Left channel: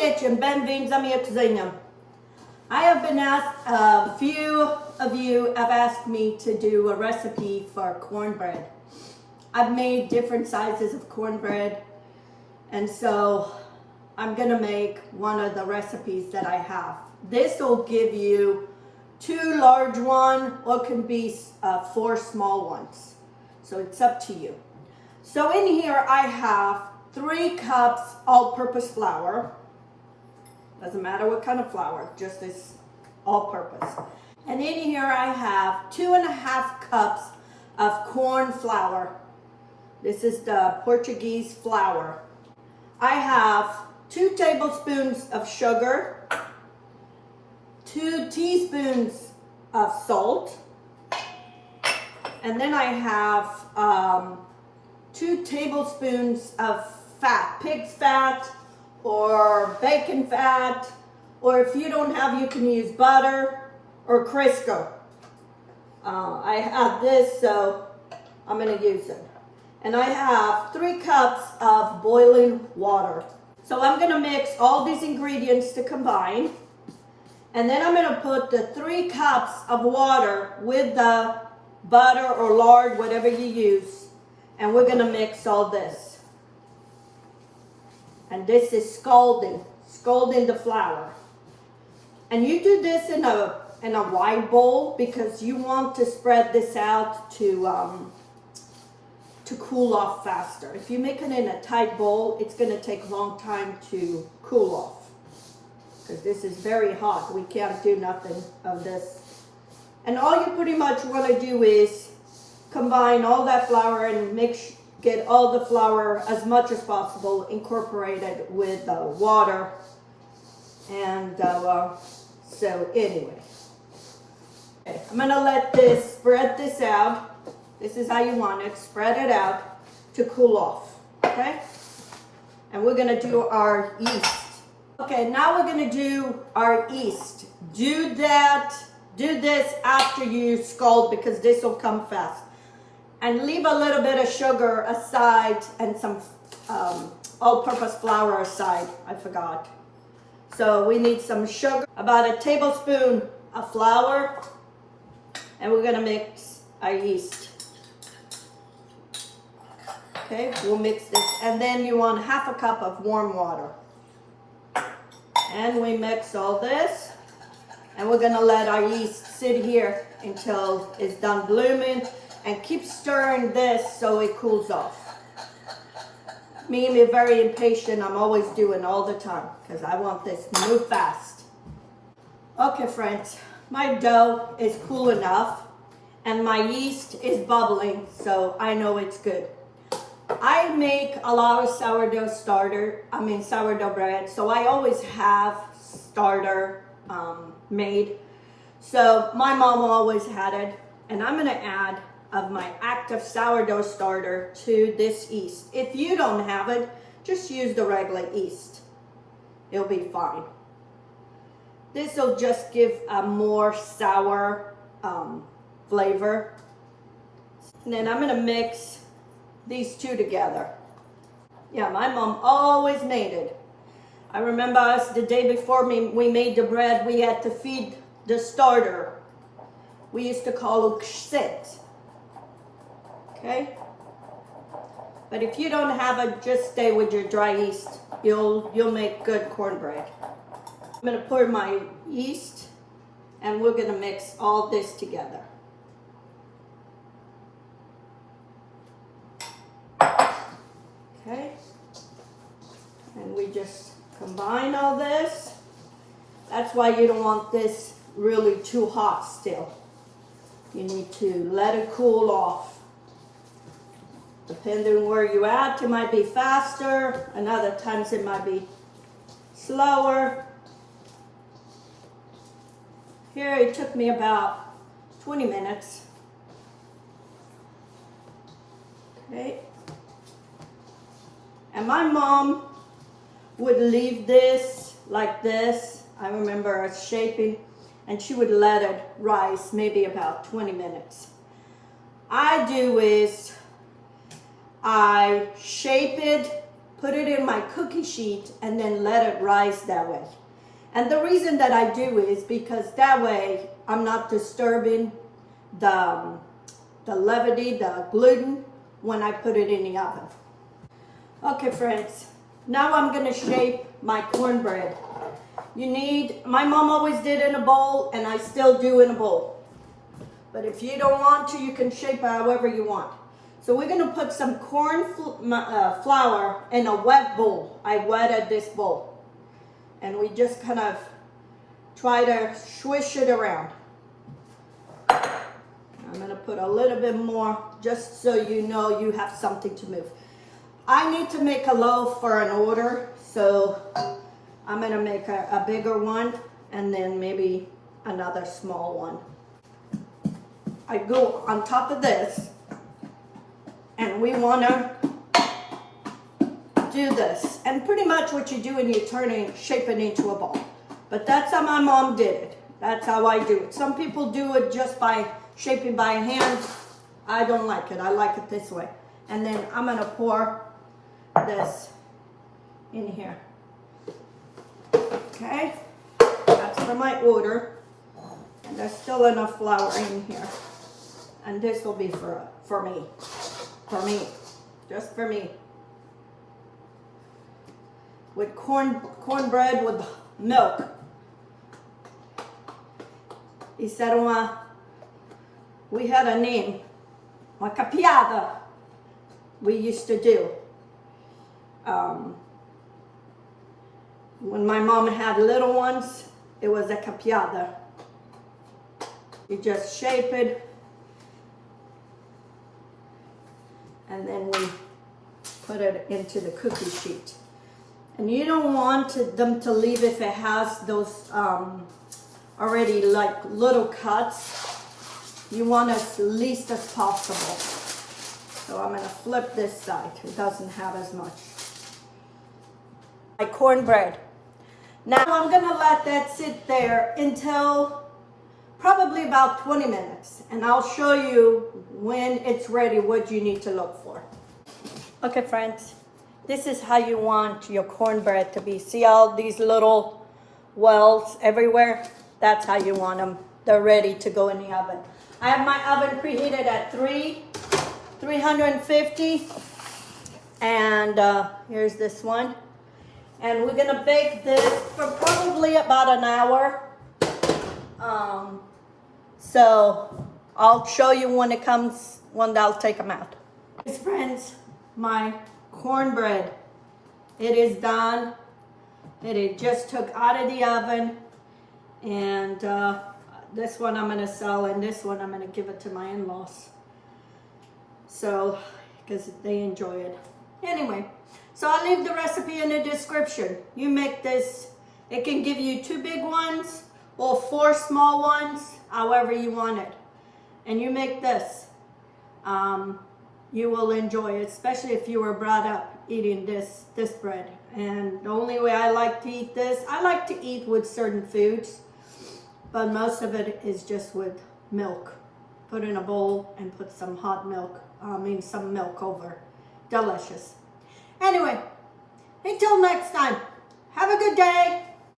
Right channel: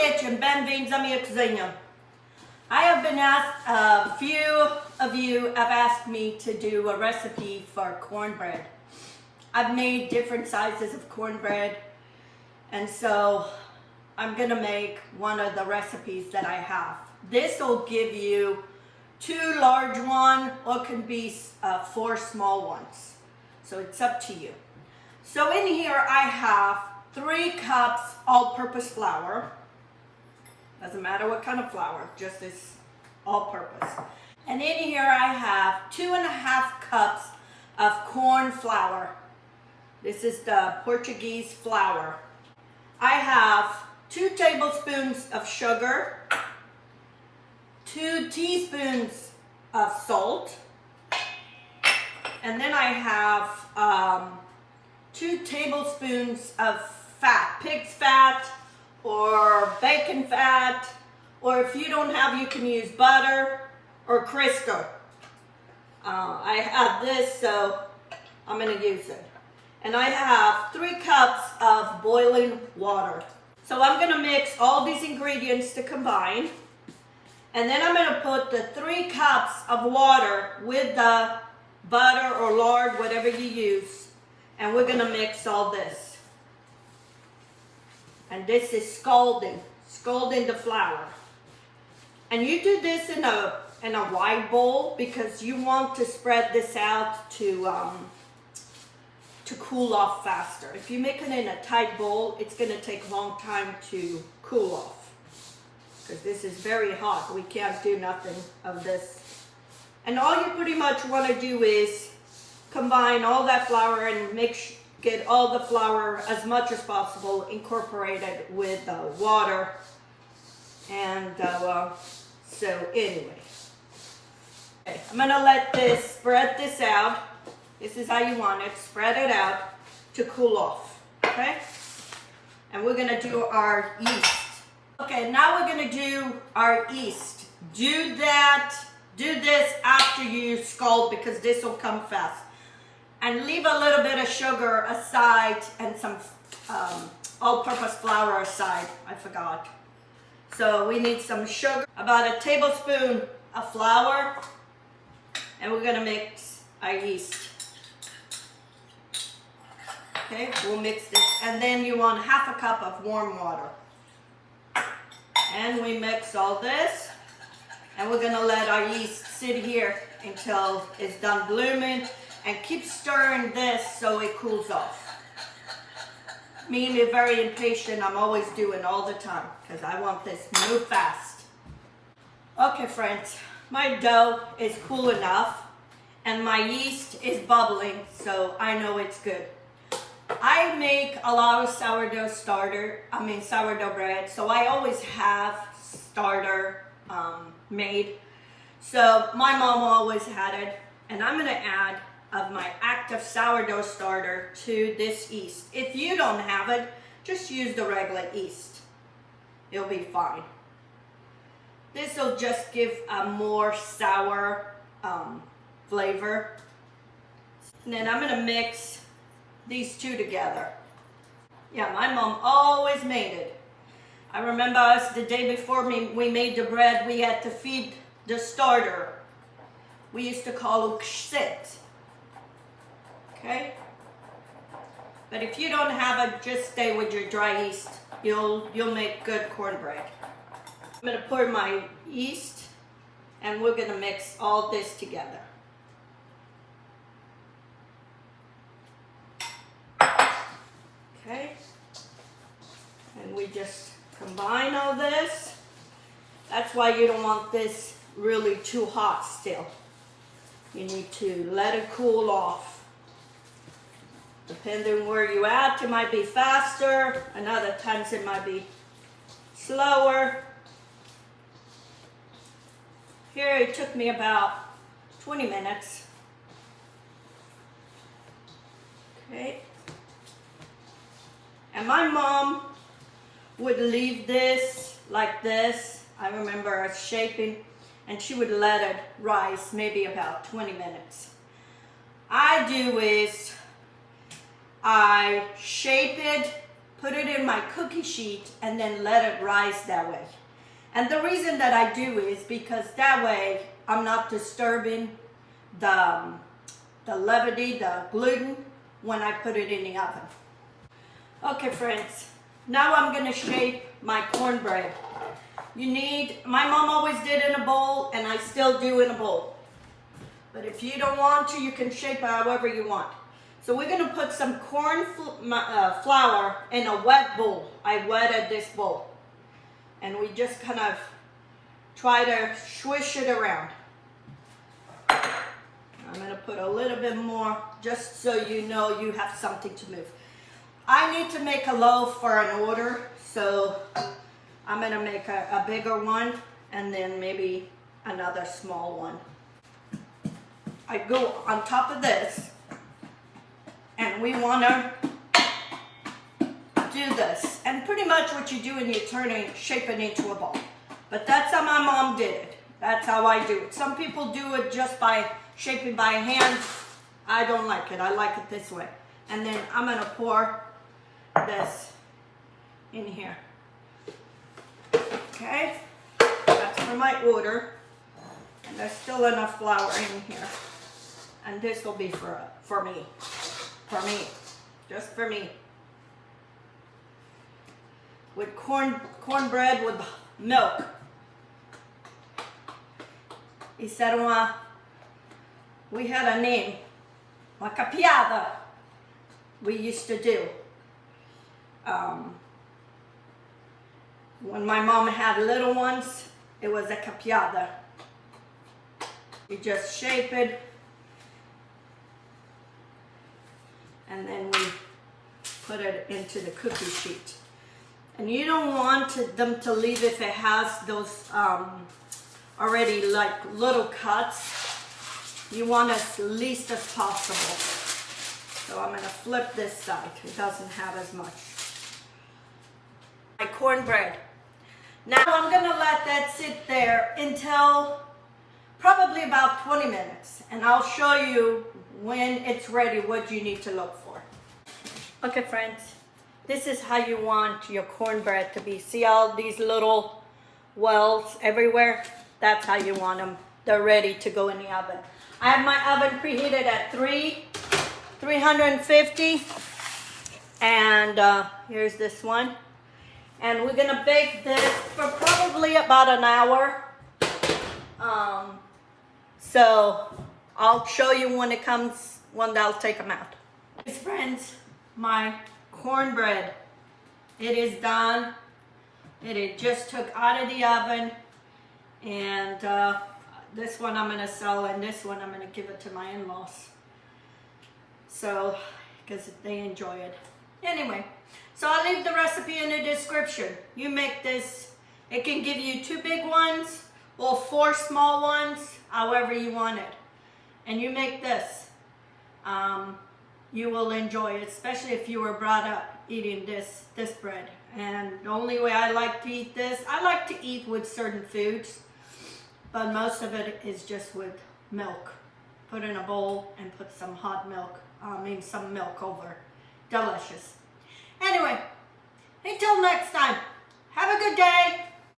kitchen, bem-vindos à minha cozinha. I have been asked, a few of you have asked me to do a recipe for cornbread. I've made different sizes of cornbread, and so I'm gonna make one of the recipes that I have. This will give you 2 large ones, or it can be 4 small ones. So it's up to you. So in here I have 3 cups all-purpose flour. Doesn't matter what kind of flour, just this all-purpose. And in here I have 2.5 cups of corn flour. This is the Portuguese flour. I have 2 tablespoons of sugar, 2 teaspoons of salt, and then I have 2 tablespoons of fat, pig's fat or bacon fat, or if you don't have, you can use butter or Crisco. I have this, so I'm gonna use it. And I have 3 cups of boiling water. So I'm gonna mix all these ingredients to combine, and then I'm gonna put the 3 cups of water with the butter or lard, whatever you use, and we're gonna mix all this. And this is scalding the flour. And you do this in a wide bowl because you want to spread this out to cool off faster. If you make it in a tight bowl, it's gonna take a long time to cool off because this is very hot. We can't do nothing of this. And all you pretty much want to do is combine all that flour and get all the flour as much as possible incorporated with water. And so anyway, okay, I'm gonna spread this out. This is how you want it. Spread it out to cool off. Okay, and we're gonna do our yeast. Okay, now we're gonna do our yeast. Do this after you scald because this will come fast. And leave a little bit of sugar aside and some all-purpose flour aside. I forgot. So we need some sugar, about a tablespoon of flour, and we're gonna mix our yeast. Okay, we'll mix this, and then you want 1/2 cup of warm water. And we mix all this. And we're gonna let our yeast sit here until it's done blooming, and keep stirring this so it cools off. Me and me very impatient, I'm always doing all the time because I want this to move fast. Okay friends, my dough is cool enough and my yeast is bubbling, so I know it's good. I make a lot of sourdough bread, so I always have starter made. So my mom always had it, and I'm gonna add of my active sourdough starter to this yeast. If you don't have it, just use the regular yeast. It'll be fine. This will just give a more sour flavor. And then I'm gonna mix these 2 together. Yeah, my mom always made it. I remember us the day before we made the bread, we had to feed the starter. We used to call it kshit. Okay? But if you don't have it, just stay with your dry yeast. You'll make good cornbread. I'm gonna pour my yeast and we're gonna mix all this together. Okay? And we just combine all this. That's why you don't want this really too hot still. You need to let it cool off. Depending where you at, it might be faster, and other times it might be slower. Here it took me about 20 minutes. Okay. And my mom would leave this like this. I remember us shaping, and she would let it rise maybe about 20 minutes. I do is I shape it, put it in my cookie sheet, and then let it rise that way. And the reason that I do is because that way I'm not disturbing the levity, the gluten, when I put it in the oven. Okay, friends, now I'm gonna shape my cornbread. My mom always did in a bowl, and I still do in a bowl. But if you don't want to, you can shape it however you want. So we're gonna put some corn flour in a wet bowl. I wetted this bowl. And we just kind of try to swish it around. I'm gonna put a little bit more just so you know you have something to move. I need to make a loaf for an order, so I'm gonna make a bigger one and then maybe another small one. I go on top of this, and we wanna do this. And pretty much what you do when you turn it, shape it into a ball. But that's how my mom did it. That's how I do it. Some people do it just by shaping by hand. I don't like it. I like it this way. And then I'm gonna pour this in here. Okay, that's for my order. And there's still enough flour in here. And this will be for me. For me. Just for me. With cornbread with milk. We had a name, uma capiada, we used to do. When my mom had little ones, it was a capiada. You just shape it, and then we put it into the cookie sheet. And you don't want them to leave if it has those already like little cuts. You want as least as possible. So I'm gonna flip this side. It doesn't have as much. My cornbread. Now I'm gonna let that sit there until probably about 20 minutes. And I'll show you when it's ready what you need to look for. Okay, friends. This is how you want your cornbread to be. See all these little wells everywhere? That's how you want them. They're ready to go in the oven. I have my oven preheated at 350. And here's this one. And we're gonna bake this for probably about an hour. So I'll show you when it comes, when I'll take them out. Friends, my cornbread, it is done. It just took out of the oven, and this one I'm gonna sell, and this one I'm gonna give it to my in-laws, so because they enjoy it. Anyway, so I'll leave the recipe in the description. You make this, it can give you 2 big ones or 4 small ones, however you want it, and you make this. You will enjoy it, especially if you were brought up eating this bread. And the only way I like to eat this, I like to eat with certain foods, but most of it is just with milk. Put in a bowl and put some hot milk, some milk over. Delicious. Anyway, until next time, have a good day.